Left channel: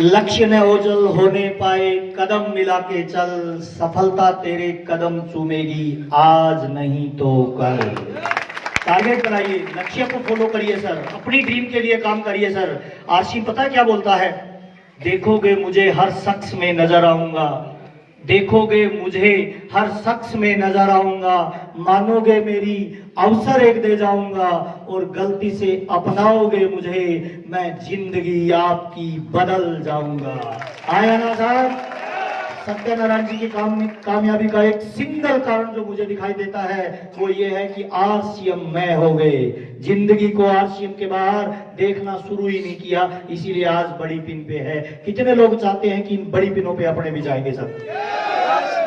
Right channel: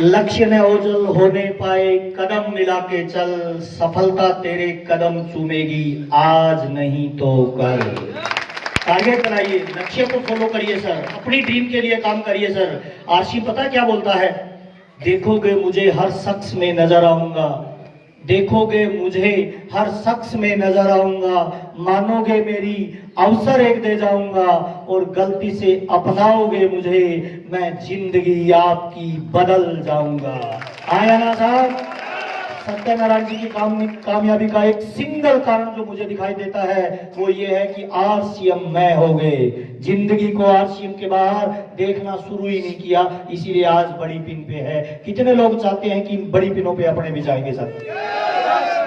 लक्ष्य न ओझल होने पाए, कदम मिला के चल, सफलता तेरे कदम चूमेगी, आज नहीं तो कल। टारगेट बनाइए, लक्ष्य को फॉलो करिए सर, अपनी ड्रीम के लिए काम करिए सर। आरसी पता क्या बोलता है? देखोगे मुझे हर शख्स में नजर आऊंगा, देखोगे मुझे हर शख्स में नजर आऊंगा, मानोगे मेरी अवसर एक दे जाऊंगा, और गलती से अपनाओगे मुझे, मैं जिंदगी आपकी बदल जाऊंगा। आया ना साहब? सत्यनारायण जी की कामयाबी का एक सिंगल कारण जो मुझे दिखाई देता है वो ये है कि आरसीएम मैं हो गए। जिंदगी को आरसीएम के बाहर देखना शुरू ही नहीं किया, इसीलिए आज बड़ी पिन पे है। कितने लोग चाहते हैं कि इन बड़ी पिनों पे अपने भी जाएंगे सर?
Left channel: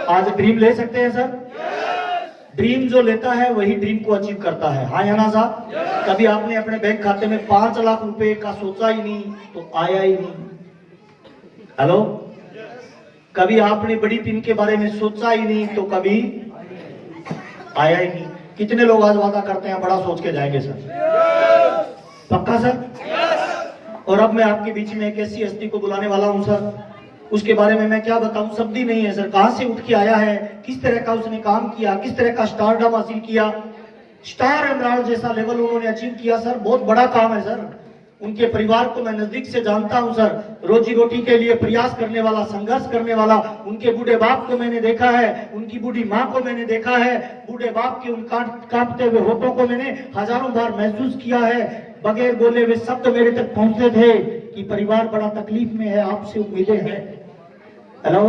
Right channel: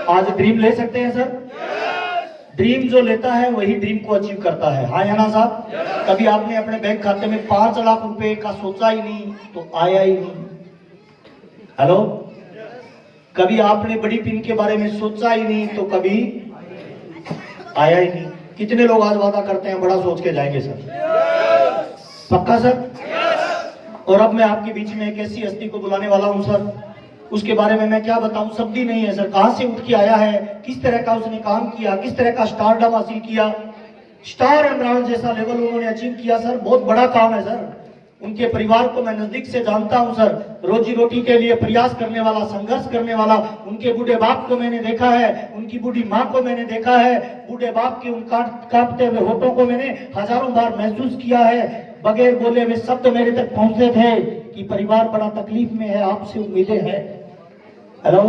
आज ड्रीम ले सकते हैं सर? ड्रीम जो लेता है वही ड्रीम को अचीव करता है। हाँ या ना साहब? कभी आपने अपने बैंक खाते में 5 लाख रुपए का सोचा ही नहीं तो आया ही नहीं। हेलो, कभी आपने बड़ी पिन के बारे में सोचा ही नहीं तो कभी आया ही नहीं। कितने लोग आज वादा करते हैं बड़ा सोच के जाएंगे सर? पक्का सर? और अब मैं आपके बीच में एक ऐसी हस्ती को बुलाने वाला हूं सर, उसके बारे में मैं क्या बताऊं, शब्द ही नहीं है सर। कहां से उठ के आया है, किस तरह का उसने काम किया, किस तरह का स्टारडम हासिल किया, स्टार एमराल्ड जैसा लेवल उन्होंने अचीव किया सर। बहुत बड़ा काम है सर। उनके परिवार को मैं नजदीक से जानता हूं सर, रोजी रोटी के लिए प्रयास करने वाला, संघर्ष करने वाला। उनके बूढ़े बाप को मैंने देखा है, उनकी बूढ़ी माँ को मैंने देखा है, बूढ़े बाप के उन कांपते हुए होठों को मैंने हजारों बार महसूस किया है। बगैर बोले हुए शब्द मेरे तक पहुंचते थे कि परिवार बड़ा तकलीफ में है, आपसे उम्मीदें हैं। हेलो,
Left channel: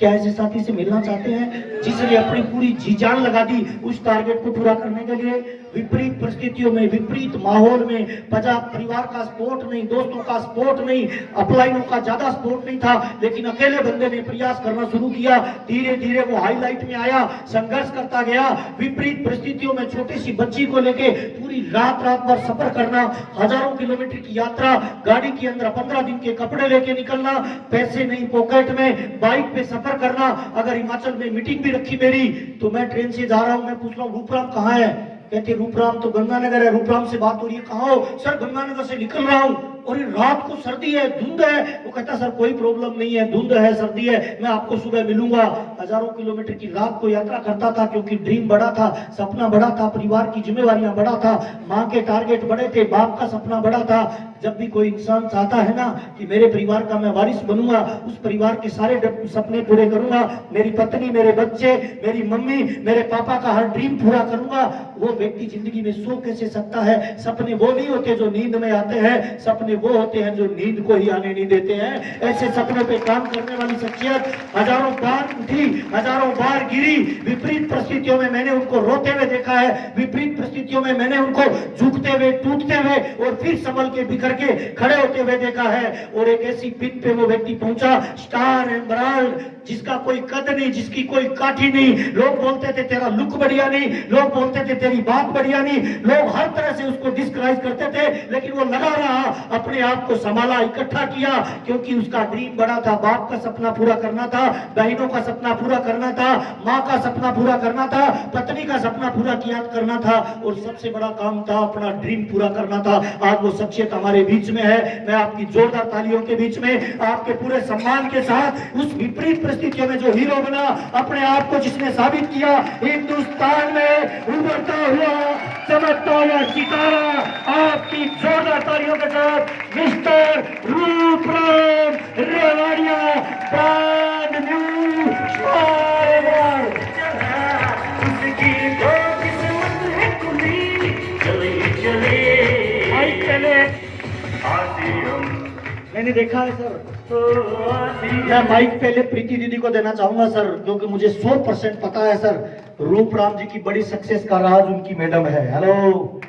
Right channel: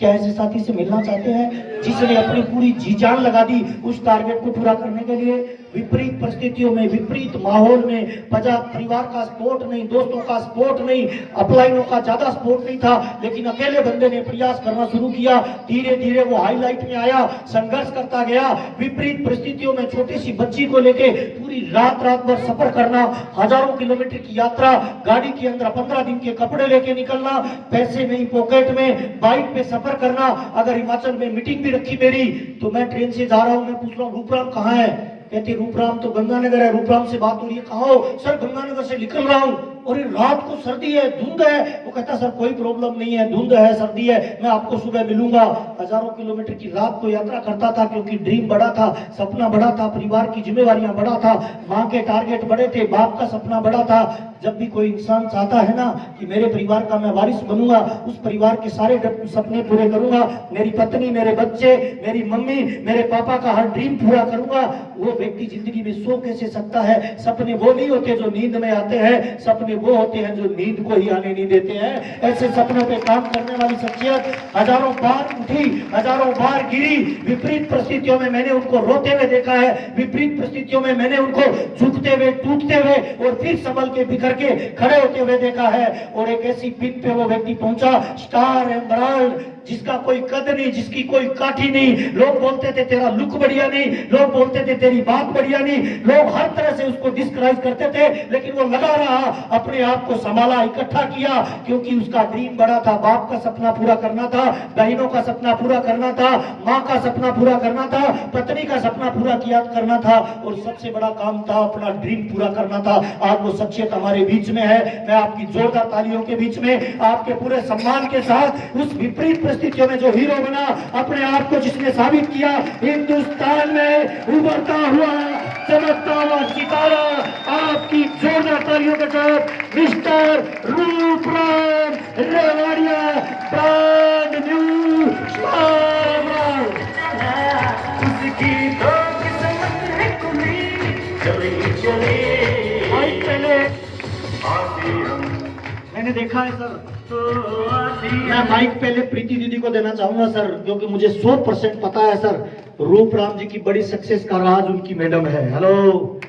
क्या ऐसे साथी से मिलना चाहते हैं जिसने अपनी पूरी जी जान लगा दी उस टारगेट को पूरा करने के लिए? विपरीत परिस्थितियों में, विपरीत माहौल में, परिवार का सपोर्ट नहीं, दोस्तों का सपोर्ट नहीं, अपलाइनों का ज्यादा सपोर्ट नहीं था, लेकिन अकेले बंदे ने प्रयास करना शुरू किया। धीरे धीरे वो हाईलाइट में आया, संघर्ष करता गया। विपरीत परिस्थितियों में छोटी सी बच्ची को लेके पूरी रात भर सफर करना, हजारों किलोमीटर की यात्रा, गाड़ी के अंदर 15 दिन के कपड़े लेके निकलना, पैसे नहीं पॉकेट में, बाइक पे सफर करना। अगर हिमाचल में मीटिंग भी रखी मेरी तो मैं ट्रेन से जा रहा हूं, मैं पूछ रहा हूं रूपराम कहाँ है? कहते रूपराम तो गंगानगर है। रूपराम से बात हो रही है, कहाँ हो? सर गंगानगर से निकल रहा हूँ। और रात को सर्दी है, धुंध है। वो कहता सर कोई प्रॉब्लम नहीं है, धुंध है, सर्दी है, मैं आपको सुबह मिलूंगा। हजारों किलोमीटर की रात को यात्रा करता था क्योंकि ड्रीम बड़ा था, सपना बड़ा था, परिवार की जिम्मेवारियां बड़ा था, माँ के टारगेट बड़े थे, बाप का सपना बड़ा था। जब भी कोई इंसान चाहता है ना कि मेरे परिवार का मैं वारिस बनूंगा, उस परिवार के सारे सपने पूरे करूंगा, मेरी पत्नी, मेरे बच्चे, मेरी मम्मी, मेरे पापा का हर ड्रीम पूरा करूंगा, वो व्यक्ति जिंदगी में सो कैसे सकता है? सपने वो नहीं होते जो नींद में आते हैं, सपने वो होते हैं जो नींद को ही आने नहीं देते हैं। ऐसे सपनों पे काम करने वाली शख्सियत हजारों बार उठी, हजारों बार गिरी। विपरीत परिस्थितियों में मैंने उनको रोते हुए देखा है, विपरीत परिस्थितियों में मैंने उनको झुकते हुए, टूटते हुए और फिर संभल के बिखर के खड़े होते हुए देखा है। और एक ऐसी पिन पे वो व्यक्ति पहुंचा, स्टार एमराल्ड, जिसका कोई कद नहीं, जिसकी कोई काठी नहीं। लोग बोलते थे तेरा लुक बढ़िया नहीं, लोग बोलते थे तेरी बात बढ़िया नहीं, लोग हर तरह से उसको डिस्क्राइब करते थे, लेकिन वो लगा रहा, अपने आप को संभाला, इकट्ठा किया, क्योंकि उसका ड्रीम बड़ा था। बाप का सपना पूरा करना था, बहनों का सपना पूरा करना था, माँ का सपना पूरा करना था, पत्नी का सपना पूरा किया करना था, और सबसे बड़ा काम था अपना ड्रीम पूरा करना था। आज वो शख्सियत हमारे बीच में है। मैं आपकी जोरदार तालियों के बीच में, आपके पूरे सम्मान के साथ, उस विपरीत परिस्थितियों में जो हीरो बना, अपने आप को जिसने साबित किया, हिंदुस्तान में उभरता हुआ चमकता हुआ सितारा, आपकी जोरदार तालियों के साथ mister Rupram Rewadiya, brand new star. मैंने देखा है सर, तो मैं माइक पहले प्रीति दीदी को देना चाहूंगा सर, क्योंकि मुझे 100% पता है सर, रूपराम जी की बड़ी सक्सेस का राज उनकी मैडम है। हेलो,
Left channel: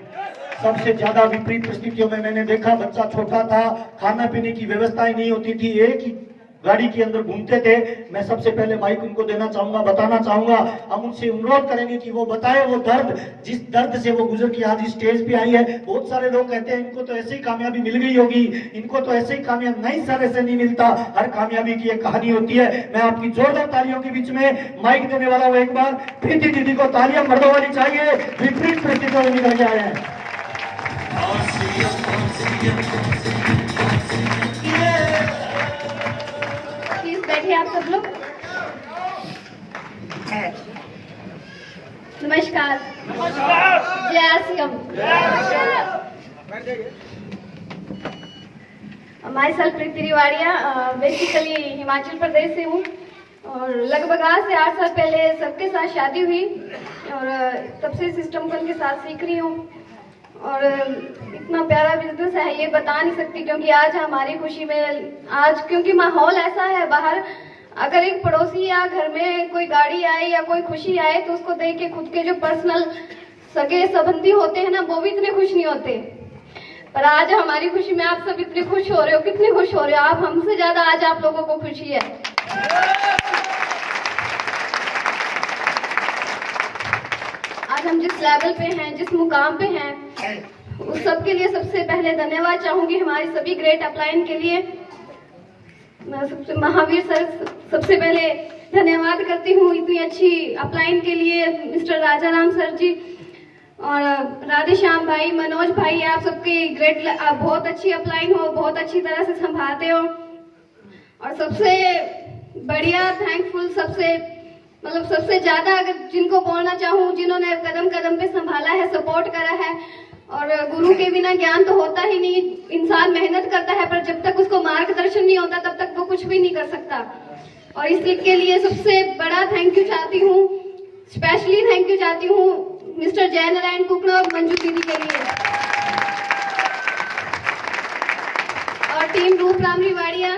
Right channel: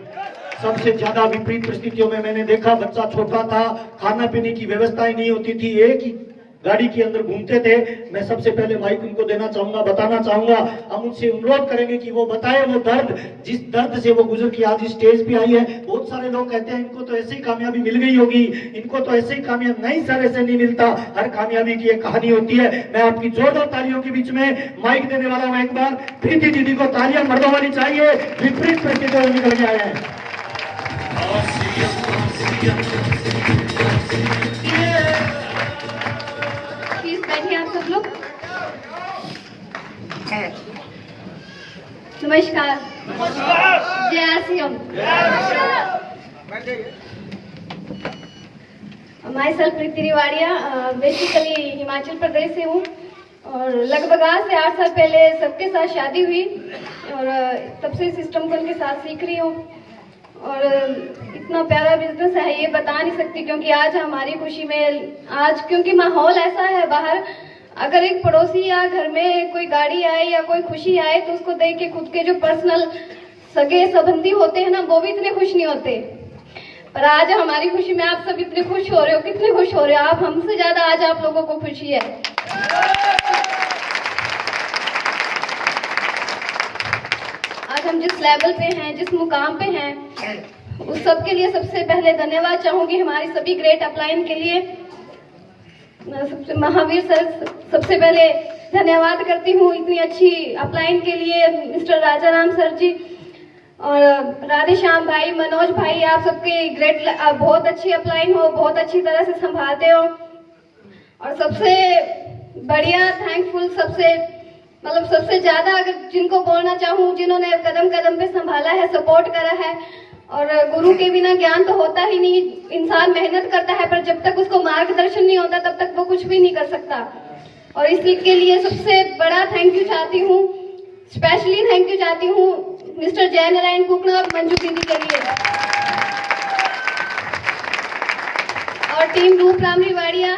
सबसे ज्यादा विपरीत परिस्थितियों में मैंने देखा, बच्चा छोटा था, खाना पीने की व्यवस्थाएं नहीं होती थी, एक ही गाड़ी के अंदर घूमते थे। मैं सबसे पहले माइक उनको देना चाहूंगा, बताना चाहूंगा, हम उनसे अनुरोध करेंगे कि वो बताएं वो दर्द, जिस दर्द से वो गुजर के आज इस स्टेज पे आई है। बहुत सारे लोग कहते हैं इनको तो ऐसे ही कामयाबी मिल गई होगी, इनको तो ऐसे ही कामयाबी, नहीं सर, ऐसे नहीं मिलता। हर कामयाबी की एक कहानी होती है। मैं आपकी जोरदार तालियों के बीच में माइक देने वाला हूँ। एक बार प्रीति दीदी को तालियां मर्दों वाली चाहिए, विपरीत परिस्थितियों में निकल के आया है। नमस्कार। जय Shriram. Myself Preeti Riwadia, basically Himachal Pradesh से हूँ और लगभग आज से 8 साल पहले सबके साथ शादी हुई और तब से सिस्टम को उनके साथ सीख रही हूँ और इतना प्यारा बिजनेस है ये बता नहीं सकती, क्योंकि आज हमारी खुशी में आज क्योंकि माहौल ऐसा है बाहर, अगर एक पड़ोसी या घर में कोई गाड़ी आए या कोई खुशी आए तो उसको देख के खुद के जो पर्सनल सगे संबंधी होते हैं ना वो भी इतने खुश नहीं होते। पर आज हमारी खुशी में आप सब इतने खुश हो रहे हो, कितने खुश हो रहे हो आप, हमसे ज्यादा आज आप लोगों को खुशी है। आज हम जिस लेवल पे हैं, जिस मुकाम पे हैं, उस सब के लिए सबसे पहले धन्यवाद चाहूंगी हमारी सभी ग्रेट अपलाइन के लिए। मैं सबसे महावीर सर सबसे पहले धन्यवाद करती हूँ इतनी अच्छी अपलाइन के लिए, मिस्टर राजाराम सर जी और राधे श्याम भाई, मनोज भाई, आप सबके ग्रेट, बहुत अच्छी अपलाइन हो, बहुत अच्छी तरह से संभालते हो। और सबसे बढ़िया थैंकफुल, सबसे ज्यादा अगर जिनको बोलना चाहूँ, जिन्होंने कदम कदम पे संभाला है, सपोर्ट करा है, और गुरु के बिना ज्ञान तो होता ही नहीं, इंसान मेहनत करता है पर जब तक उसको मार्गदर्शन नहीं होता तब तक वो कुछ भी नहीं कर सकता। और इसके लिए सबसे बड़ा थैंक यू चाहती हूँ, स्पेशली थैंक यू चाहती हूँ मिस्टर जय नारायण कुकड़ा और मंजू दीदी के लिए और टीम रूपराम रिवाड़िया।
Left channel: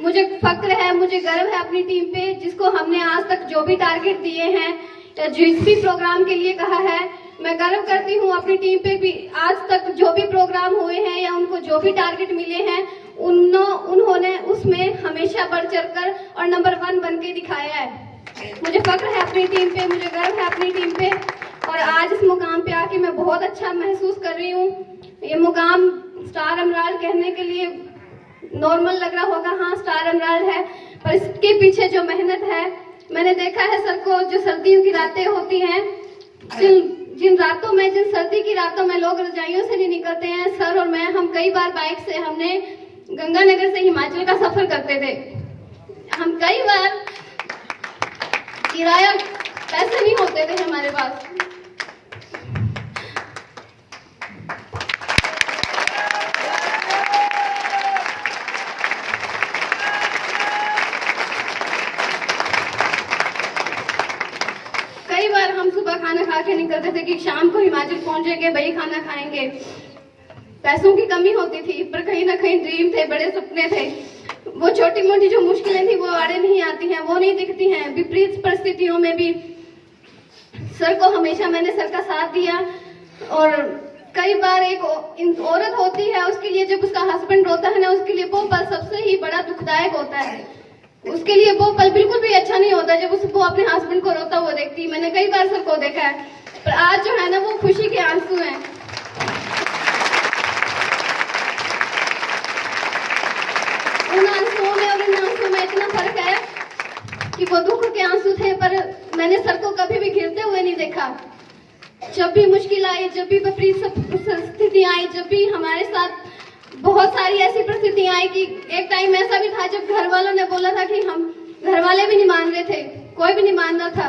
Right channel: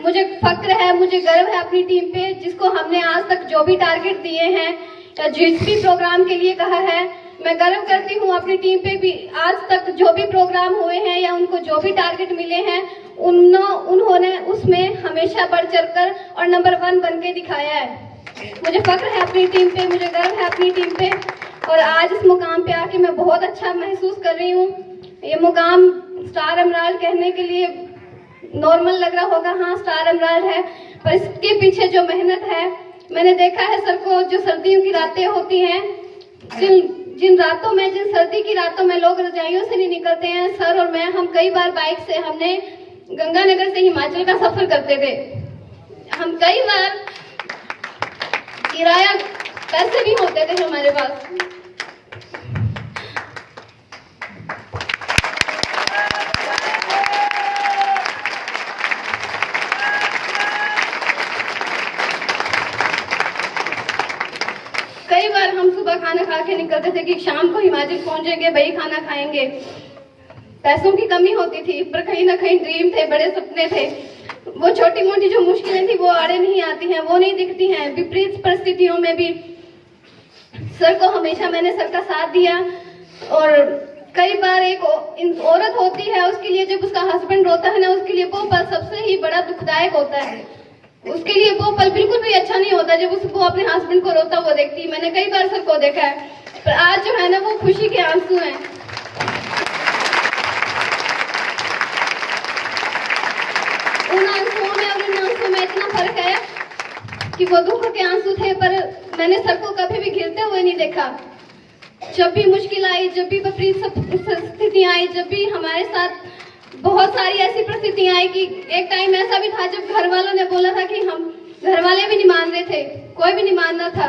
मुझे फक्र है, मुझे गर्व है अपनी टीम पे, जिसको हमने आज तक जो भी टारगेट दिए हैं या जिस भी प्रोग्राम के लिए कहा है, मैं गर्व करती हूँ अपनी टीम पे भी। आज तक जो भी प्रोग्राम हुए हैं या उनको जो भी टारगेट मिले हैं उन्होंने उसमें हमेशा बढ़ चढ़कर और नंबर 1 बन के दिखाया है। मुझे फक्र है अपनी टीम पे, मुझे गर्व है अपनी टीम पे और आज इस मुकाम पे आके मैं बहुत अच्छा महसूस कर रही हूँ। ये मुकाम स्टार अमराल कहने के लिए नॉर्मल लग रहा होगा, हाँ स्टार अमराल है, पर इसके पीछे जो मेहनत है, मैंने देखा है सर को, जो सर्दियों की रातें होती हैं, जिन रातों में, जिन सर्दी की रातों में लोग रजाइयों से नहीं निकलते हैं, सर और मैं, हम कई बार बाइक से हमने गंगानगर से हिमाचल का सफर करते थे। हम कई बार किराया पैसे नहीं होते थे हमारे पास, कई बार हम सुबह खाना खा के निकलते थे कि शाम को हिमाचल पहुंचेंगे, वही खाना खाएंगे। पैसों की कमी होती थी पर कहीं ना कहीं ड्रीम थे, बड़े सपने थे। वो छोटी मोटी जो मुश्किलें थी वो आड़े नहीं आती हैं, वो नहीं दिखती हैं। विपरीत परिस्थितियों में भी सर को हमेशा मैंने सर का साथ दिया और कई बार एक औरत होती है, उसके लिए जब उसका हस्बैंड रोता है ना, उसके लिए वो पल सबसे ही बड़ा दुखदायक होता है। उसके लिए वो पल बिल्कुल भी अच्छा नहीं होता जब उसको अपने हस्बैंड को रोता हुआ देखती। मैंने कई बार सर को देखा है, पर आज जो है ना वो खुशी के आंसू हैं। उन आंसुओं में और उन आंसुओं में इतना फर्क है कि वो दुख के आंसू थे, पर मैंने सर को कभी भी गिरते हुए नहीं देखा। जब भी मुश्किल आई, जब भी विपरीत स्थितियां आई, जब भी हमारे साथ बहुत सारी ऐसी परिस्थितियां आई कि एक टाइम ऐसा भी था जब घर वालों ने बोला था कि हम, घर वाले भी नहीं मान रहे थे, कोई भी नहीं मान रहा था।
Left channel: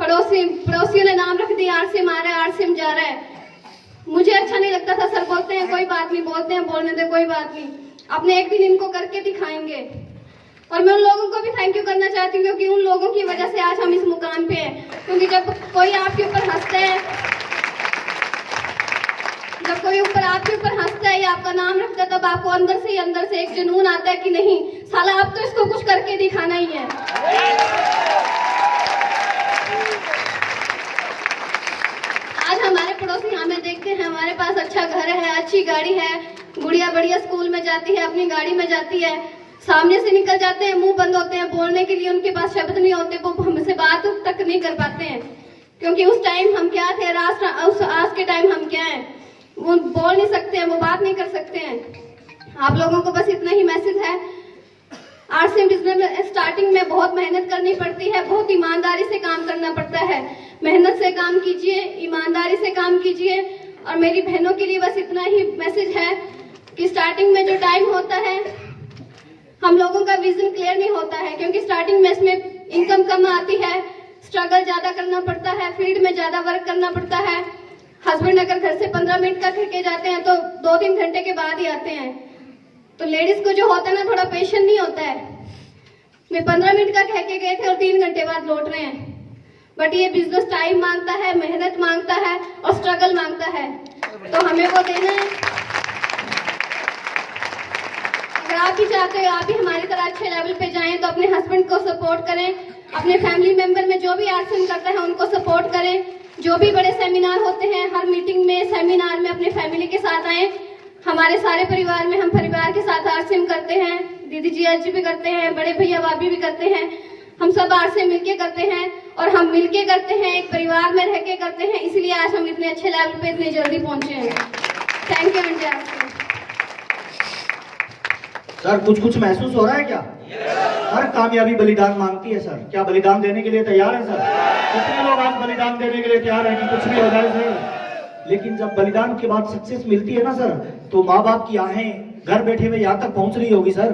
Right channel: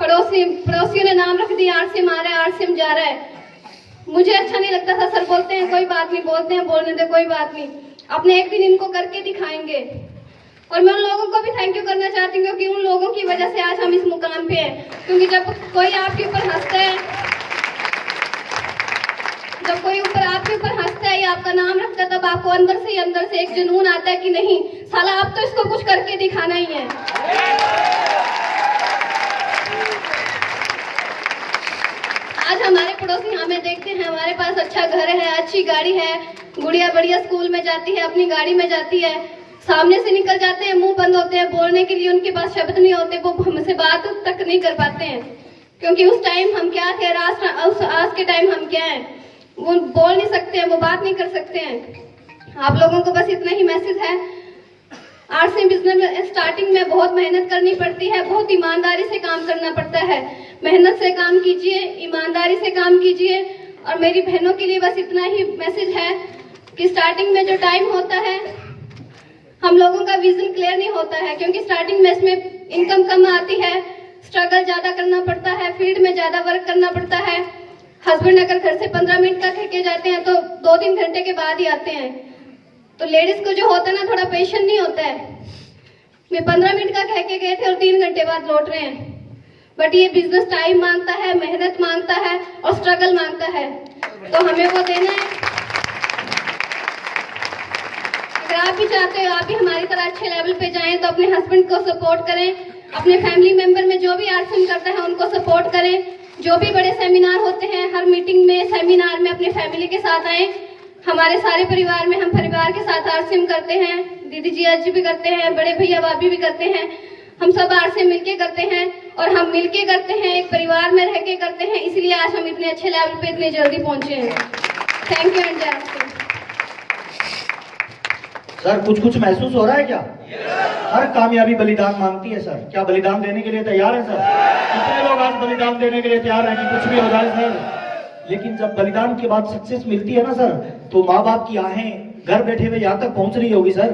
पड़ोसियों ने नाम रख दिया, आरसीएम आ रहा है, आरसीएम जा रहा है। मुझे अच्छा नहीं लगता था। सर बोलते हैं कोई बात नहीं, बोलते हैं बोलने दे, कोई बात नहीं, अपने एक दिन इनको करके दिखाएंगे। और मैं उन लोगों को भी थैंक यू करना चाहती हूँ क्योंकि उन लोगों की वजह से आज हम इस मुकाम पे हैं। क्योंकि जब कोई आपके ऊपर हंसता है, जब कोई आपके ऊपर हंसता है या आपका नाम रखता है, तब आपको अंदर से एक जुनून आता है कि नहीं साला अब तो इसको कुछ करके दिखाना ही है। आज हमारे पड़ोसी हमें देखते हैं, हमारे पास अच्छा घर है, अच्छी गाड़ी है, गुड़िया बढ़िया स्कूल में जाती है, अपनी गाड़ी में जाती है, सामने से निकल जाते हैं, मुंह बंद होते हैं, बोलने के लिए उनके पास शब्द नहीं होते, वो हमसे बात तक नहीं कर पाते हैं। क्योंकि उस टाइम हम क्या थे, आज के टाइम हम क्या हैं, वो बोल नहीं सकते हैं, वो बात नहीं कर सकते हैं। आप लोगों को बस इतना ही मैसेज है, आरसीएम बिजनेस में स्टार्टिंग में बहुत मेहनत करनी पड़ती है, बहुत ईमानदारी से काम करना पड़ता है। मेहनत से काम कीजिए, ईमानदारी से काम कीजिए। और मेरी बहनों के लिए बस इतना ही मैसेज है कि स्टार्टिंग में जो टाइम होता है, हम लोगों का विजन क्लियर नहीं होता है, क्योंकि स्टार्टिंग में इसमें इनकम कम आती है, स्ट्रगल ज्यादा करना पड़ता है, फील्ड में ज्यादा वर्क करना पड़ता है। हस्बैंड अगर घर से 15 मिनट का कह के जाते हैं तो 2-3 घंटे के बाद ही आते हैं। तो लेडीज को जो होता है ना, थोड़ा पेशेंस नहीं होता है। मैं 15 मिनट का कह के गए थे और 3 घंटे बाद लौट रहे हैं। बट ये बिजनेस टाइम मांगता है, मेहनत मांगता है और स्ट्रगल मांगता है, तो हमें वो देना है। अगर आप भी चाहते हो आप भी हमारी तरह अच्छे लेवल पे जाएं तो अपने हस्बैंड को सपोर्ट करें, अपने फैमिली मेंबर में जो भी आरसीएम करता है उनको सपोर्ट करें। जो भी बड़े सेमिनार होते हैं, हर मीटिंग में, सेमिनार में अपने फैमिली के साथ आए। हमारे सारे परिवार में हम परिवार के साथ आरसीएम करते हैं, दीदी जी आज भी करते हैं, बड़े भैया भाभी भी करते हैं। हम सब आरसीएम मिलके करते हैं और हम मिलके करते हैं, एक परिवार में रह के करते हैं, इसलिए आज हम इतने अच्छे लेवल पे इतनी जल्दी पहुंचे हैं। Thank you India. सर कुछ महसूस हो रहा है क्या? हर कामयाबी बलिदान मांगती है सर। क्या बलिदान देने के लिए तैयार है सर? कितने लोग आज बलिदान देने के लिए तैयार हैं कि कुछ भी हो जाए सर? लेकिन जब बलिदान के बाद सक्सेस मिलती है ना सर, तो माँ बाप की आहें घर बैठे हुए यहाँ तक पहुंच रही होगी सर।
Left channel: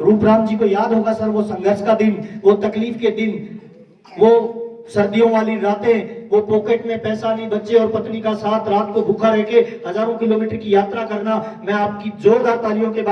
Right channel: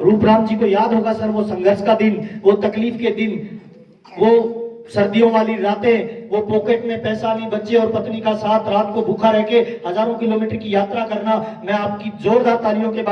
रूपराम जी को याद होगा सर वो संघर्ष का दिन, वो तकलीफ के दिन, वो सर्दियों वाली रातें, वो पॉकेट में पैसा नहीं, बच्चे और पत्नी का साथ, रात को भूखा रह के हजारों किलोमीटर की यात्रा करना। मैं आपकी जोरदार तालियों के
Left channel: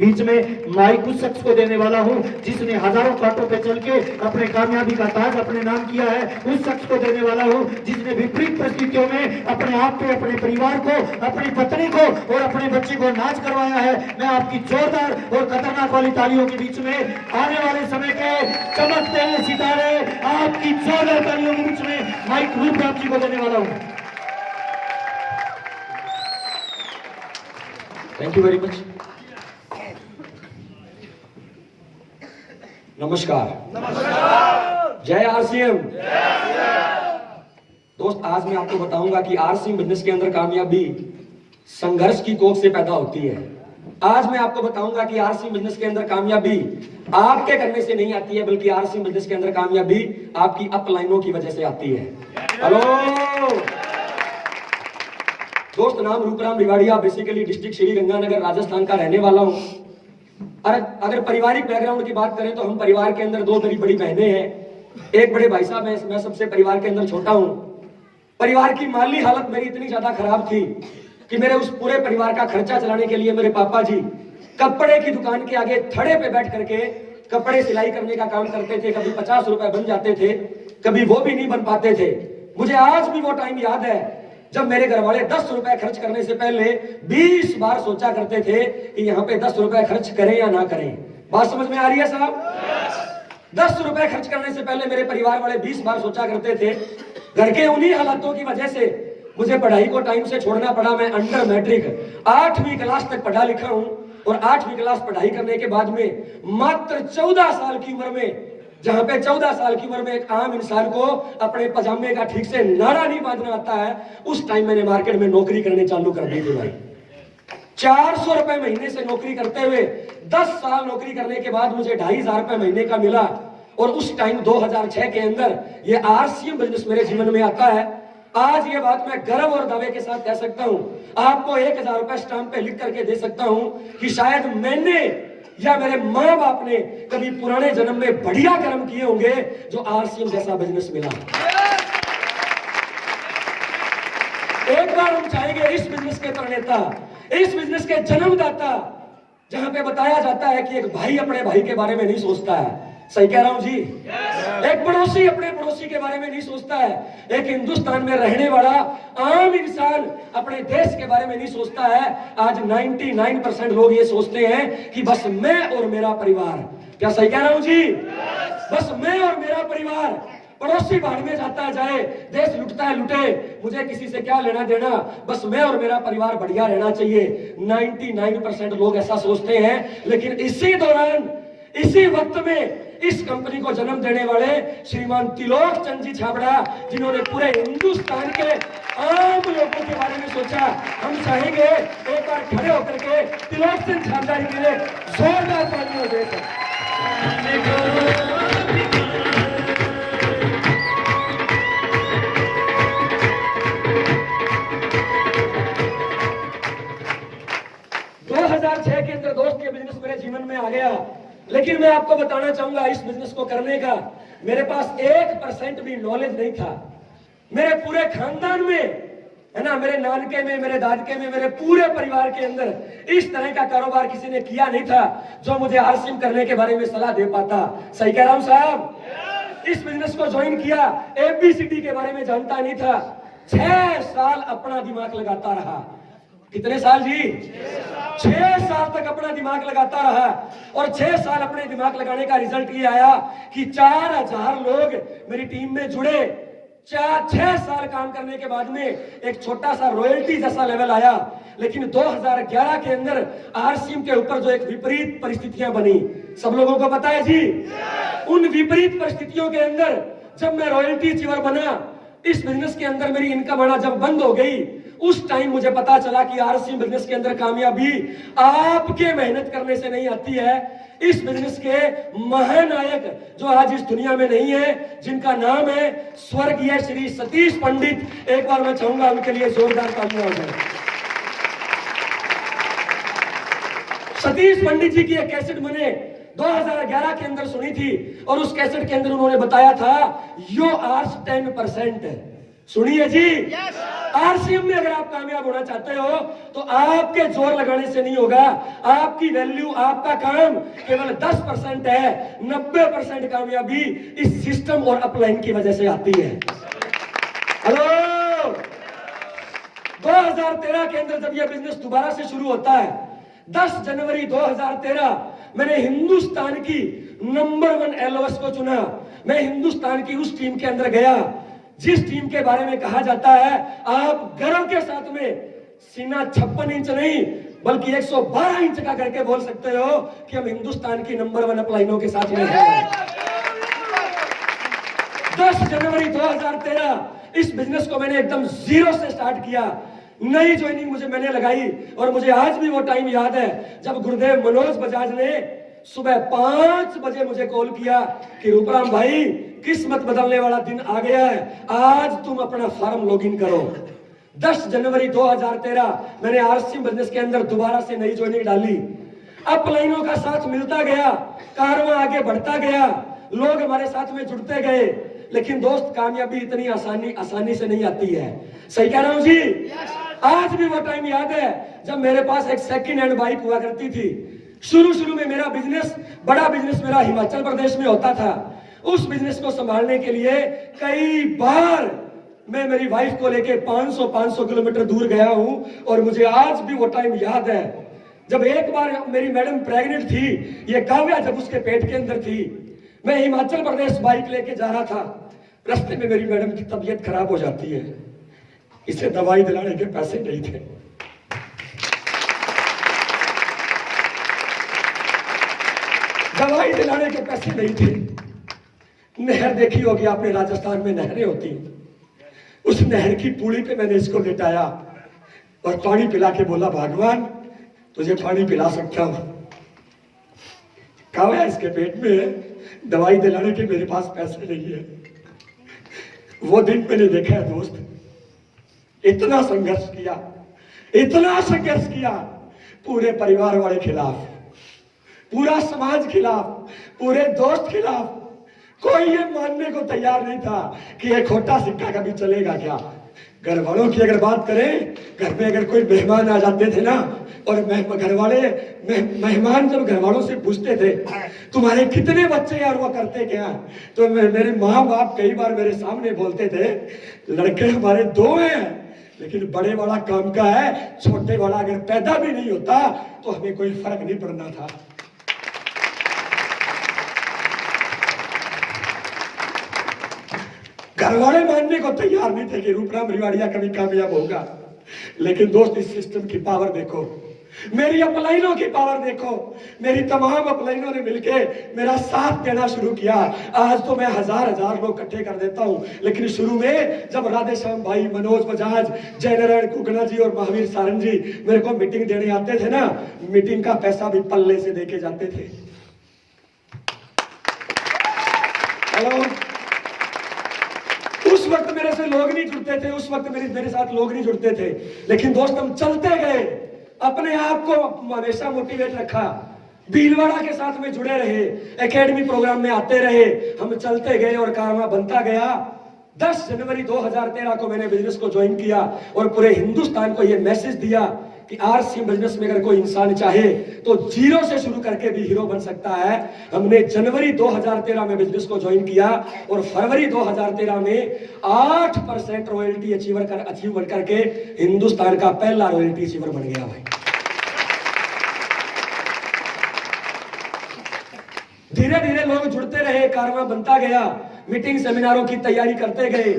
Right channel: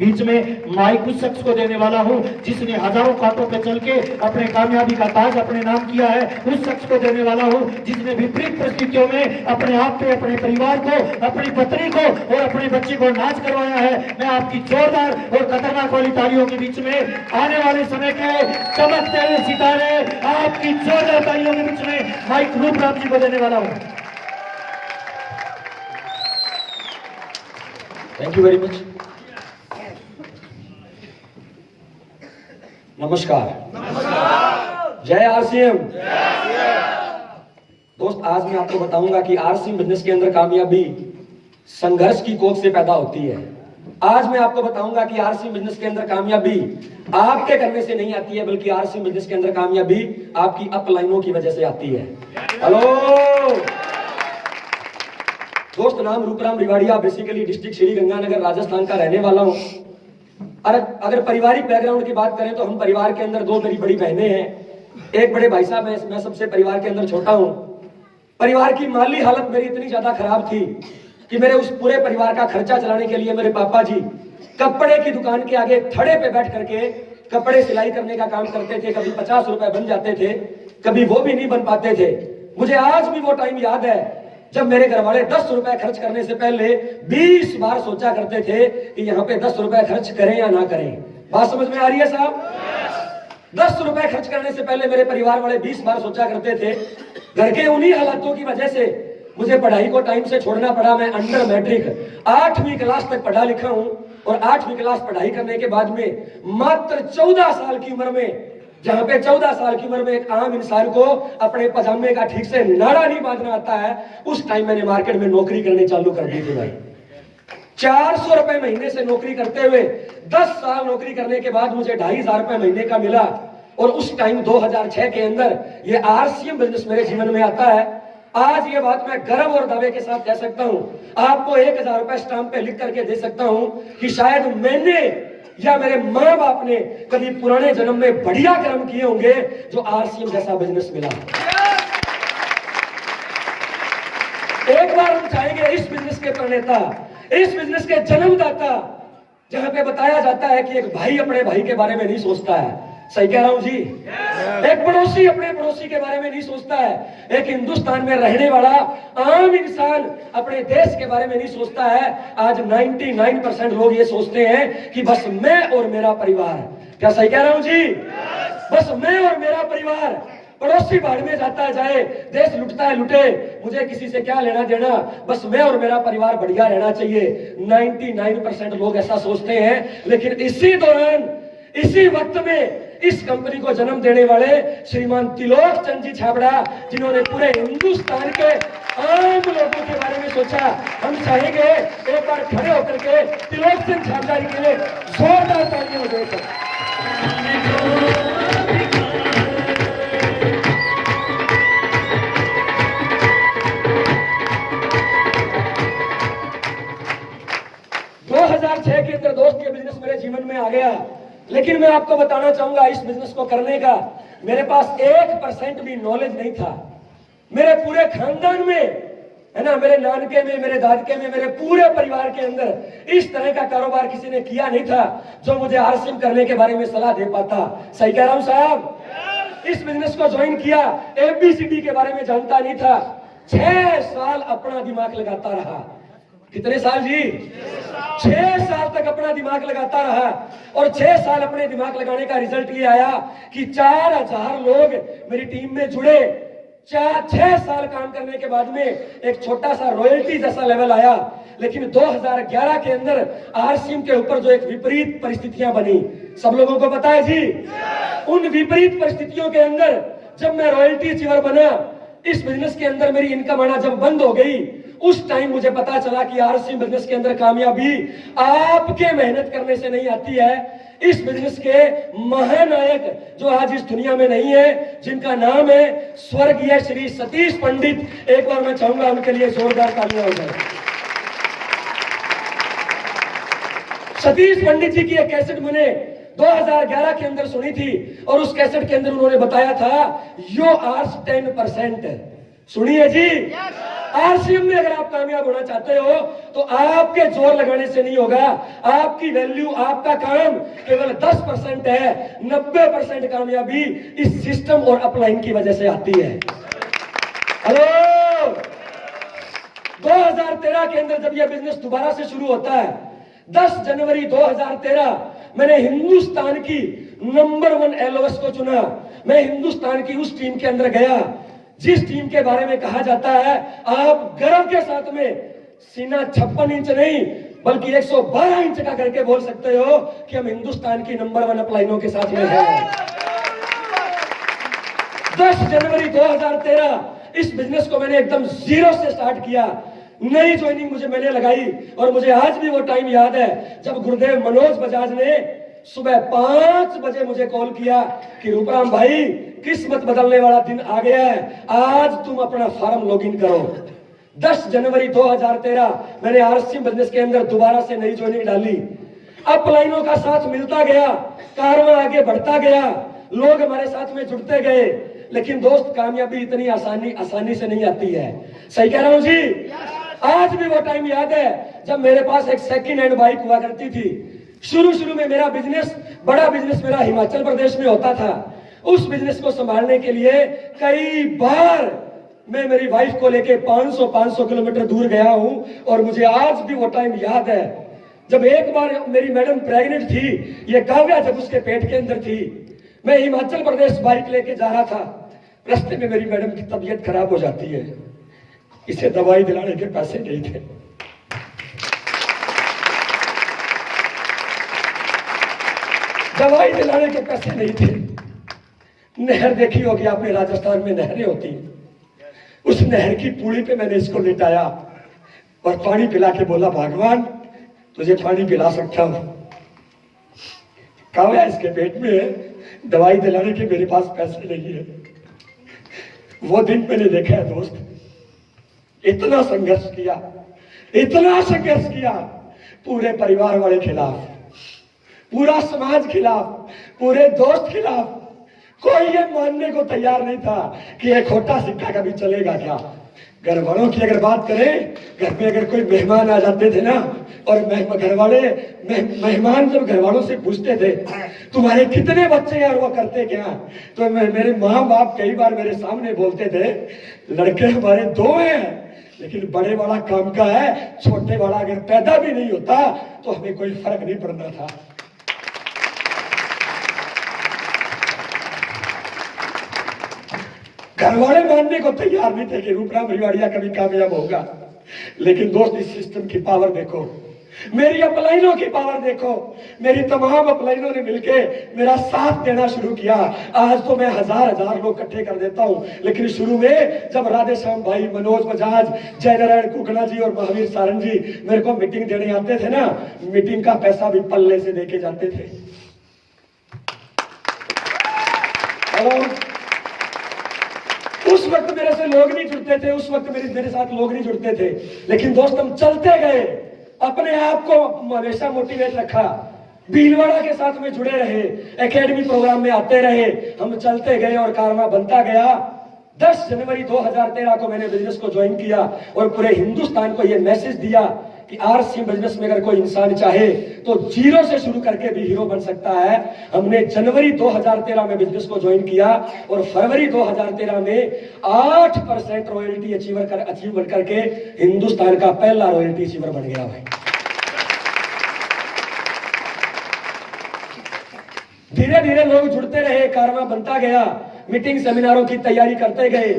बीच में माइक उस शख्स को देने वाला हूं जिसने हजारों कांटों पे चल के अपने कामयाबी का ताज अपने नाम किया है। उस शख्स को देने वाला हूं जिसने विपरीत परिस्थितियों में अपने आप पे, अपने परिवार को, अपनी पत्नी को और अपने बच्चे को नाच करवाया है। मैं आपकी जोरदार और खतरनाक वाली तालियों के बीच में आने वाले समय के चमकते हुए सितारे आपकी जोरदार तालियों के बीच में माइक रूपराम जी को देने वाला हूं। Thank you very much. नमस्कार। जय आरसीएम। दोस्त, आज मैं आपको बताऊंगा कि आरसीएम बिजनेस के अंदर कामयाबी संघर्ष की कोख से पैदा होती है। आज मैं आपको बताऊंगा कि आरसीएम बिजनेस के अंदर कामयाबी आपके करने से नहीं आती है, बल्कि आरसीएम बिजनेस के अंदर कामयाबी आपकी अपलाइनों की वजह से आती है। हेलो दोस्त, नाम रूपराम रिवाड़िया, बेसिकली डिस्ट्रिक्ट श्री गंगानगर राजस्थान का रहने वाला हूं। अगर पारिवारिक बैकग्राउंड की बात करें तो हम परिवार के अंदर 2 मेरी बड़ी बहनें हैं, एक बड़े भाई साहब हैं, मैं सबसे परिवार के अंदर छोटा हूं। परिवार की माली हालत मेरी इतनी ज्यादा खराब थी कि मेरे उस पूरे परिवार का खर्चा चलाने के लिए मेरे पापा जी कपड़े की दुकान के आगे थड़े पे बैठ करके कपड़े सिलाई करने का काम करते थे। कभी 50 रुपए बन जाते थे, कभी वो भी नहीं बन पाते थे। मुझे आज भी वो टाइम याद है जब मेरे घर वाले 10 रुपए खर्च करने से पहले 20 बार सोचा करते थे कि यहाँ पे 10 रुपए खर्च करें या ना करें। बात समझ में आ रही है साहब? 10 रुपए खर्च करने से पहले मेरे परिवार वाले 20 बार सोचा करते थे। घर के उन्हीं हालातों की वजह से मुझे पढ़ाई को टाइम से छोड़ना पड़ा। मैं अंडर मैट्रिक 8वीं क्लास तक पढ़ा लिखा हूं और 8वीं क्लास पढ़ाई करने के बाद में मात्र 14 साल की उम्र में, जहां पे 14 साल की उम्र में एक आम इंसान को अपने पजामे का ठीक से नाड़ा नहीं बांधना आता है, उस टाइम मैंने मार्केट में नौकरी करनी चालू कर दी थी भाई। 400 रुपए महीने से नौकरी करते हुए 10 साल नौकरी करने के बाद मुझे 2500 रुपए महीने का मिला। और उस टाइम 2006 के अंदर ये आरसीएम बिजनेस मेरे जीवन में आता है। आज ये बात मैं गर्व और दावे के साथ कह सकता हूं, आपको 1000 रुपए स्टाम्प पे लिख करके दे सकता हूं कि शायद मैंने या मेरे माँ बाप ने कभी पुराने जन्म में बढ़िया कर्म किए होंगे जो आरसीएम जैसा बिजनेस मिला। एक बार हम चाहेंगे इस बिजनेस के प्रणेता, इस बिजनेस के जन्मदाता, जहां पे बताया जाता है कि एक भाई अपने भाई के बारे में नहीं सोचता है। सही कह रहा हूं जी? एक पड़ोसी अपने पड़ोसी के बारे में नहीं सोचता है। एक हिंदुस्तान में रहने वाला आम इंसान अपने देश के बारे में नहीं सोचता है। आज 99% लोग ये सोचते हैं कि बस मैं और मेरा परिवार। क्या सही कह रहा हूं जी? बस मैं और मेरा परिवार। पड़ोसी भाड़ में जाता है जाए, देश लुटता है लुटे, मुझे किसी से क्या लेना देना, बस मैं और मेरा परिवार बढ़िया रहना चाहिए। 99% लोग ऐसा सोचते हैं। लेकिन इसी दौरान, इसी वक्त में इस कंपनी को जन्म देने वाले श्रीमान त्रिलोक चंद जी छाबड़ा, जिन्होंने पूरे हिंदुस्तान के आम लोगों के बारे में सोचा, हम चाहेंगे एक बार खड़े होकर के त्रिलोक चंद छाबड़ा जी के लिए जोरदार तालियां दें। 2006 के अंदर दोस्त ये बिजनेस मेरे जीवन में आ गया। लेकिन मैं आपको बताना चाहूंगा इस बिजनेस को करने का मेरे पास 1% भी नॉलेज नहीं था। मेरे पूरे खानदान में, है ना, मेरे नानके में, मेरे दादके में, मेरे पूरे परिवार के अंदर इस तरह का कारोबार किसी ने किया नहीं था जो मुझे आरसीएम करने के बारे में सलाह दे पाता। सही कह रहा हूं साहब? इस बिजनेस को ज्वाइन किया, एबीसीडी के बारे में जानता नहीं था। 6 साल अपना दिमाग लगाता रहा। कितने साल जी? 6 साल तक अपना दिमाग लगाता रहा और 6 साल अपने दिमाग लगाने का रिजल्ट ये आया कि 4000 लोग मेरी टीम में जुड़े। 6 साल काम करने के बाद में एक छोटा सा रॉयल्टी जैसा लेवल आया। लेकिन 2011 के अंदर आरसीएम के ऊपर जो एक विपरीत परिस्थितियां बनी, सब लोगों को पता है जी। उन विपरीत परिस्थितियों के अंदर जब मैं रॉयल्टी अचीवर बना, इस बिजनेस के अंदर मेरी इनकम आना जब बंद हो गई, उस टाइम मुझे पता चला कि आरसीएम बिजनेस के अंदर कामयाबी आपके मेहनत करने से नहीं आती है। इस बिजनेस के महानायक जो आज इस दुनिया में नहीं है, जिनका नाम है स्वर्गीय श्री सतीश पंडित, एक बार मैं चाहूंगा उनके लिए जोरदार तालियां हो जाए। सतीश पंडित जी की एक कैसेट मैंने 2011 के अंदर सुनी थी और उस कैसेट के अंदर उन्होंने बताया था यो आर्स 10%। सुनिए जी, आरसीएम में अगर आप कामयाब होना चाहते हो तो आपके जोर लगाने से नहीं होगा। आपकी वैल्यू, आपका काम केवल 10% है। 90% कामयाबी इस सिस्टम और अपलाइन की वजह से आती है। हेलो, 2013 के अंदर जब यह बिजनेस दोबारा से शुरू होता है, 10 जनवरी 2013, मैंने हिंदुस्तान की नंबर 1 एलओएस को चुना। मैं हिंदुस्तान की उस टीम के अंदर गया जिस टीम के बारे में कहा जाता है, आप गर्व के साथ में सीना 56 इंच नहीं बल्कि 112 इंच का करके बोल सकते हो कि हम हिंदुस्तान की नंबर 1 अपलाइनों के साथ में हैं। 10 जनवरी 2013 इस बिजनेस को मैंने एकदम जीरो से स्टार्ट किया। नई ज्वाइनिंग मैंने लगाई और मुझे आज भी वो टाइम याद है जब गुरुदेव मनोज बजाज ने सुबह 5 बजे मुझे कॉल किया कि रूपराम भाई, किस्मत बदलने वाला दिन आ गया है, आज तुम अपना फॉर्म लॉगिन करो। 10 जनवरी 2013 मैंने आरसीएम बिजनेस के अंदर दोबारा से नई ज्वाइनिंग डाली। अपलाइनों का साथ मिलता गया, कारवां आगे बढ़ता गया, लोग हमारे साथ में जुड़ते गए। लेकिन दोस्त, कामयाबी इतनी आसानी से नहीं आती है। सही कह रहा हूं जी? आज भी वो टाइम याद है जब मेरे पास एक सेकंड हैंड बाइक हुआ करती थी। शुरू में मेरा बिजनेस, बड़ा बिजनेस मेरा हिमाचल प्रदेश में होता था। उस बिजनेस को संभालने के लिए कई बार मैं मेरी वाइफ को लेके 500 किलोमीटर दूर गया हूं और मुझे आज भी वो टाइम याद है जब एक बार मेरी मैडम प्रेग्नेंट थी। ये काव्या जब उसके पेट के अंदर थी, मैं हिमाचल प्रदेश बाइक लेके जा रहा था। रास्ते में मेरी मैडम की तबीयत खराब हो जाती है। इसे दवाई दिलाने के पैसे नहीं थे। दवाई दिलाने के पैसे नहीं थे। नहर देखी होगी आपने, राजस्थान में नहरें होती हैं। उस नहर की पूड़ी पे मैंने इसको लिटाया और पानी पिला के बोला, भगवान तुझे पानी पिला सकता हूं। कहा इसके पेट में दवाई दिलाने के मेरे पास पैसे नहीं है। वो दिन मैंने देखा है दोस्त, इतना संघर्ष किया, पूरे परिवार वाले खिलाफ, पूरा समाज खिलाफ, पूरे दोस्त खिलाफ। कोई ये मानने को तैयार नहीं था कि एक खोटा सिक्का कभी चलेगा क्या। घर वालों की अगर बात करें, घर में अगर कोई मेहमान आ जाते थे ना, और मेहमान जब घर वालों से पूछते थे तुम्हारे कितने बच्चे हैं और वो करते क्या, तो मेरे माँ बाप कई बार मेरे सामने बोलते थे, लड़के हमारे 2 हैं, लेकिन बड़े वाला काम का है, छोटे वाला अगर पैदा भी नहीं होता तो हमें कोई फर्क नहीं पड़ना था। घर वाले मानने को तैयार नहीं थे कि रूपराम रिवाड़िया कभी कामयाब होगा। लेकिन दोस्त, इस सिस्टम की पावर देखो, मेरी अपलाइनों की पावर देखो। मेरी तमाम अपलाइनों ने मिलके मेरा साथ देना शुरू किया। आज तो मैं हजार लोग इकट्ठे कर देता हूं, लेकिन शुरू में जब राधेश्याम भाई, मनोज बजाज, जयनारायण कुकना जी और महावीर सारंग जी मेरे को मीटिंग देने आते थे ना, मीटिंग का पैसा भी पल्ले से देके जाते थे। हेलो, उस वक्त मेरे से लोग नहीं जुड़ते थे, उस वक्त मेरे साथ लोग नहीं जुड़ते थे, लेकिन दोस्त हम चलते गए, अपने आप को हमेशा मोटिवेट रखा। भीलवाड़ा के साथ में जुड़े रहे, एकेडमी प्रोग्राम में आते रहे, हम चलते गए और कारवां बनता गया। 10 जनवरी 2013 को मैंने बिजनेस को ज्वाइन किया और पूरे हिंदुस्तान को यह मैसेज दिया कि आरसी बिजनेस में अगर कोई इंसान चाहे तो जीरो से शुरू करके भी हीरो बन सकता है। हमने जनवरी 2013 में बिजनेस को ज्वाइन किया और फरवरी 2013 में 8% रॉयल्टी अचीव करके हिंदुस्तान का पहला रॉयल्टी अचीवर बन गया भाई। धीरे धीरे लोग जुड़ते रहे, कारवां बनता गया, मीटिंग सेमिनारों की तैयारी करते गए,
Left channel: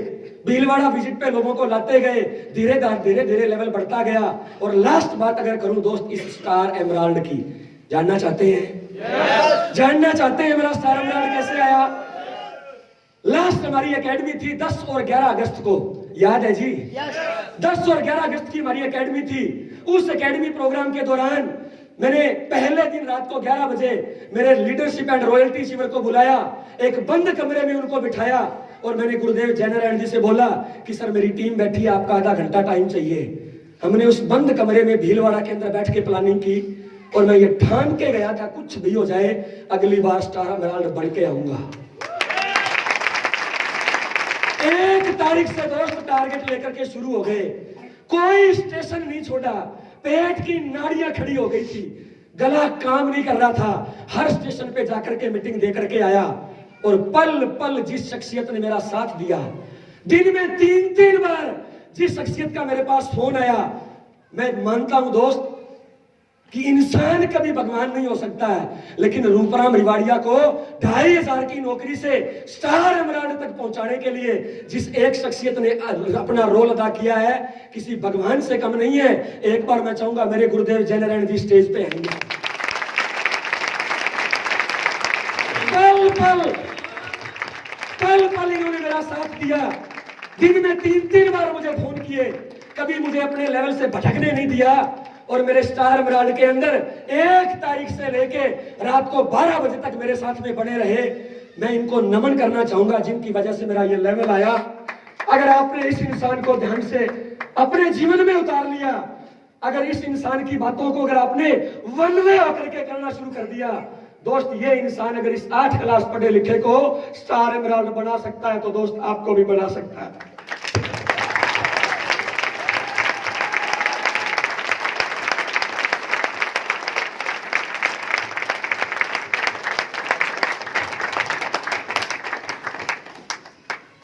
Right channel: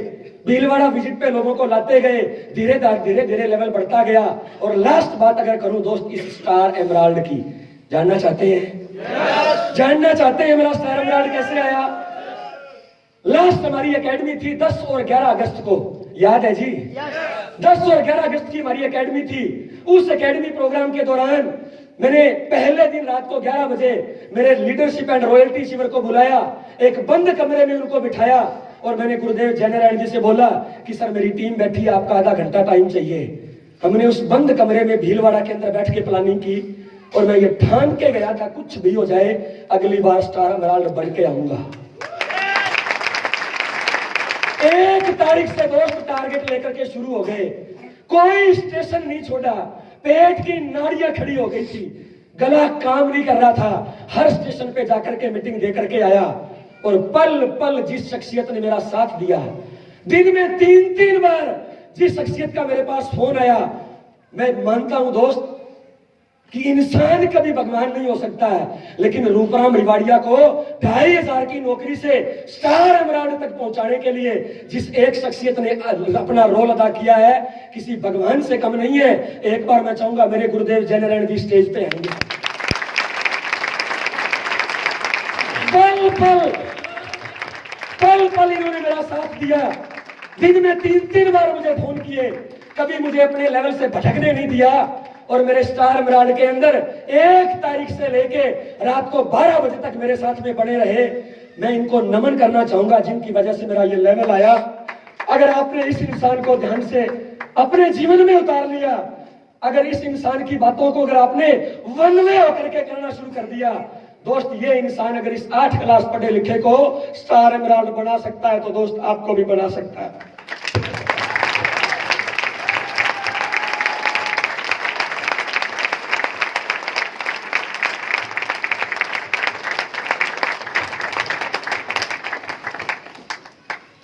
भीलवाड़ा विजिट पे लोगों को लाते गए, धीरे धीरे लेवल बढ़ता गया। और लास्ट बात अगर करूं दोस्त इस स्टार एमराल्ड की, जानना चाहते हैं? जानना चाहते हैं मेरा स्टार एमराल्ड कैसे आया? लास्ट हमारी एकेडमी थी 10 और 11 अगस्त को, याद है जी? 10 और 11 अगस्त की हमारी एकेडमी थी। उस एकेडमी प्रोग्राम के दौरान मैंने पहले दिन रात को 11 बजे मेरे लीडरशिप एंड रॉयल्टी शिविर को बुलाया, एक बंद कमरे में उनको बिठाया और मैंने गुरुदेव जयनारायण जी से बोला कि सर मेरी टीम बैठी है, आपका आधा घंटा टाइम चाहिए। हमने उस बंद कमरे में भीलवाड़ा के अंदर बैठ के प्लानिंग की और मैं ये ठान के गया था कुछ भी हो जाए अगली बार स्टार एमराल्ड बन के आऊंगा। 1 तारीख से दोस्त टारगेट लेकर के शुरू हो गए, कोई स्टेशन नहीं छोड़ा, पेट की नाड़ियां खड़ी हो गई थी, गला काम नहीं कर रहा था, हर स्टेशन पे जाकर के मीटिंग दे करके आया। और पल पल जिस शख्सियत ने मेरा साथ दिया, दिन में 3-3 बार जिस शख्सियत का मेरे पास फोन आया, मैं मानता हूं दोस्त कि इंसान कभी भगवान नहीं हो सकता है, लेकिन रूपराम रिवाड़िया को 2500 की नौकरी से स्टार एमराल्ड तक पहुंचाने के लिए जिस एक शख्सियत ने अपना रोल अदा किया है, किसी भगवान से कम नहीं है। एक बार मैं चाहूंगा मेरे गुरुदेव जयनारायण जी स्टेज पे आएंगे। पल पल इन्होंने मेरा साथ दिया, दिन में 3-3 बार मुझे फोन किए, कभी मुझे अपने लेवल से भटकने नहीं दिया। और मेरे स्टार एमराल्ड के अंदर 1 तारीख से लेके रात को 12 बजे तक मेरे साथ में बने रहे। मैं इनको नमन करना चाहूंगा जिनकी वजह से मेरा ये लेवल आया। अगर आपने इस इंसान को ध्यान से अपने जीवन में उतार लिया, अगर इस इंसान की बातों को अगर आपने वन वे होकर के करना शुरू कर दिया, दोस्त ये इंसान अगर इस 8 क्लास पढ़े लिखे को स्टार एमराल्ड बना सकता है तो दोस्त आपको भी बना सकता है।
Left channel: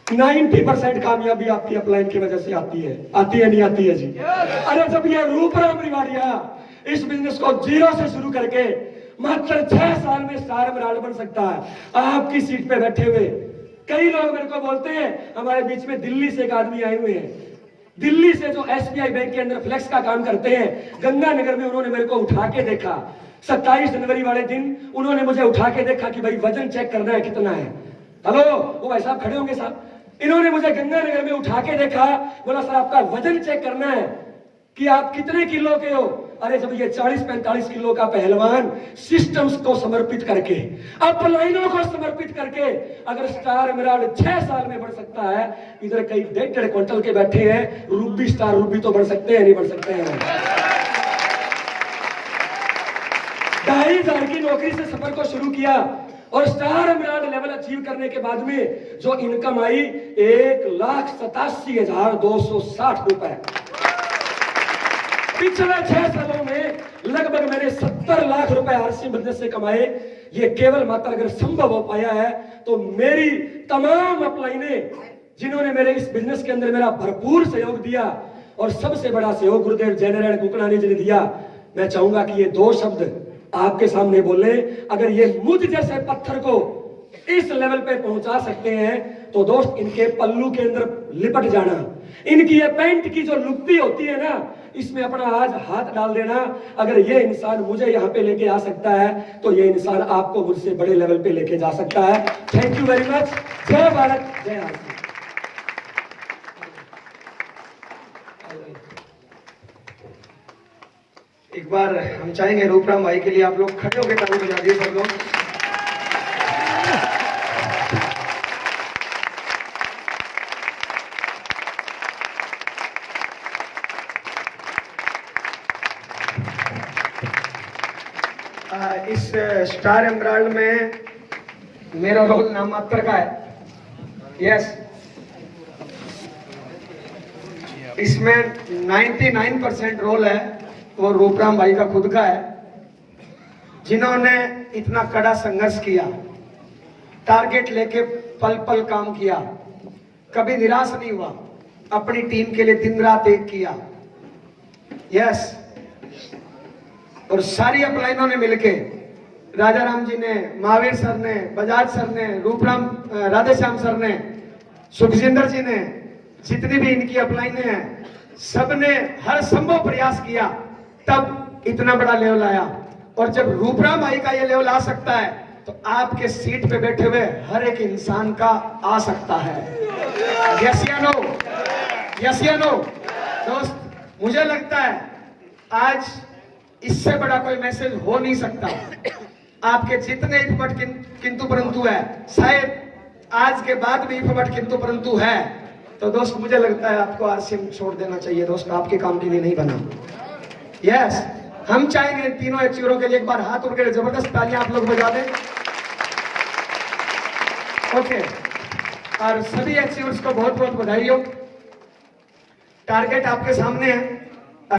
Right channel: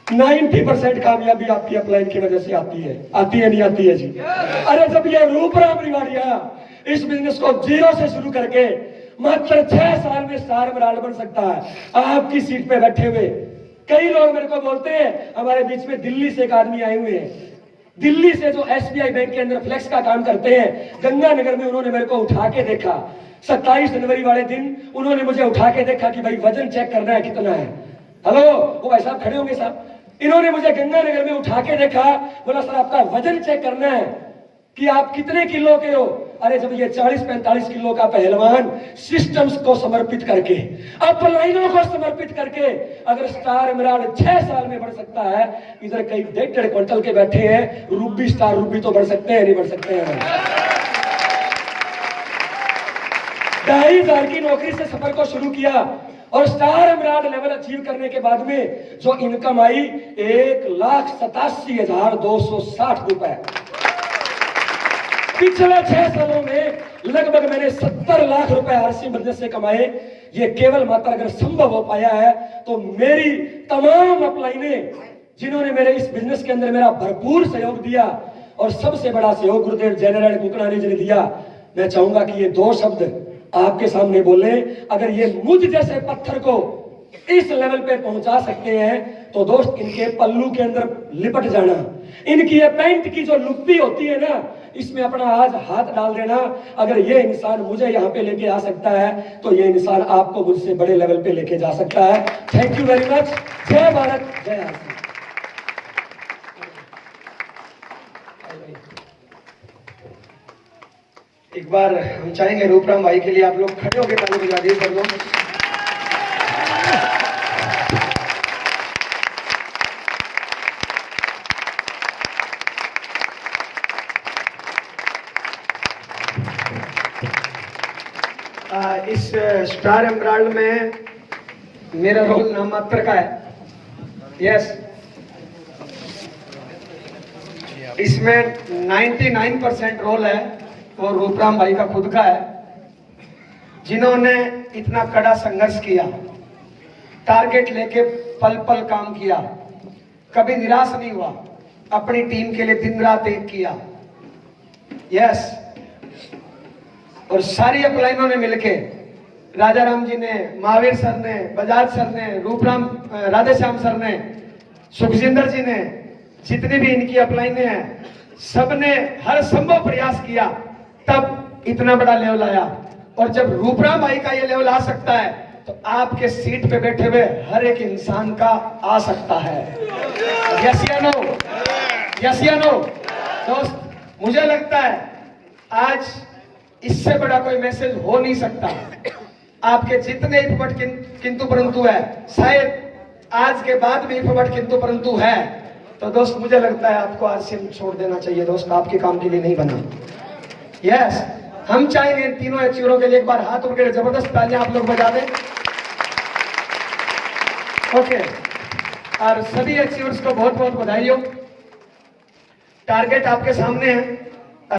नाइन्टी 90% कामयाबी आपकी अपलाइन की वजह से आती है नहीं आती है जी? अरे जब ये रूपराम रिवाड़िया इस बिजनेस को जीरो से शुरू करके मात्र 6 साल में स्टार एमराल्ड बन सकता है, आपकी सीट पे बैठे हुए कई लोग मेरे को बोलते हैं, हमारे बीच में दिल्ली से एक आदमी आए हुए हैं, दिल्ली से जो SBI बैंक के अंदर फ्लेक्स का काम करते हैं, गंगानगर में उन्होंने मेरे को उठा के देखा। 27 जनवरी वाले दिन उन्होंने मुझे उठा के देखा कि भाई वजन चेक करना है कितना है। हेलो, वो भाई साहब खड़े होंगे साहब, इन्होंने मुझे गंगानगर में उठा के देखा, बोला सर आपका वजन चेक करना है कि आप कितने किलो के हो। अरे जब ये 40-45 किलो का पहलवान सिस्टम्स को समर्पित करके, अपलाइनों को समर्पित करके अगर स्टार एमराल्ड 6 साल में बढ़ सकता है, इधर कई 1.5 क्विंटल के बैठे हैं, रूबी स्टार रूबी तो बढ़ सकते हैं नहीं बढ़ सकते हैं? 2500 की नौकरी से सफर को शुरू किया और स्टार एमराल्ड लेवल अचीव करने के बाद में जो इनकम आई 1,87,260 रुपए। पिछले 6 सालों में लगभग मैंने 70 लाख रुपए आरसी बिजनेस से कमाए। ये केवल मात्र अगर संभव हो पाया है तो मेरी तमाम अपलाइनें जिन्होंने मेरे इस बिजनेस के अंदर मेरा भरपूर सहयोग दिया और सबसे बड़ा सहयोग गुरुदेव जयनारायण कुकलानी जी ने दिया। मैं चाहूंगा कि ये 2 शब्द आपके सामने बोले, अगर ये मुझ जैसे पत्थर को इस लेवल पे पहुंचा सकते हैं तो दोस्त इनके पल्लू के अंदर लिपट जाना, इनकी ये पैंट की जो लुप्पी होती है ना, इसमें अपना आज हाथ डाल देना। अगर ये इंसान मुझे यहाँ पे लेके आ सकता है तो ये इंसान आपको मुझसे बड़े लेवल पे लेके जा सकता है। Thank you very much. जय भारत, जय आरसी। एक बार हम चाहेंगे रूपराम भाई के लिए आप लोग खड़े होकर ताली बजा दिए सब लोग। इस स्टार एमराल्ड में मेरा रोल नाम मात्र का है। यस, इसमें 99% रोल है वो रूपराम भाई का खुद का है, जिन्होंने इतना कड़ा संघर्ष किया, टारगेट लेके पल पल काम किया, कभी निराश नहीं हुआ, अपनी टीम के लिए दिन रात एक किया। यस, और सारी अपलाइनों ने मिलके, राजा राम जी ने, महावीर सर ने, बजाज सर ने, रूपराम राधेश्याम सर ने, सुखजिंदर जी ने, जितनी भी इनकी अपलाइनें हैं, सबने हर संभव प्रयास किया, तब इतना बड़ा लेवल आया। और जब रूपराम भाई का ये लेवल आ सकता है तो आपके सीट पे बैठे हुए हर एक इंसान का आ सकता है। यस या नो? यस या नो? दोस्त, मुझे लगता है आज इससे बड़ा कोई मैसेज हो नहीं सकता। आपके जितने इफबट किंतु परंतु है, शायद आज के बाद भी इफबट किंतु परंतु है, तो दोस्त मुझे लगता है आपको आरसीएम छोड़ देना चाहिए। दोस्त, आपके काम के लिए नहीं बना। यस, हम चाहेंगे तीनों अचीवरों के लिए एक बार हाथ उठकर जबरदस्त तालियां आप लोग बजा दें। ओके, और सभी अचीवर्स को बहुत बहुत बधाई हो। टारगेट आपके सामने है।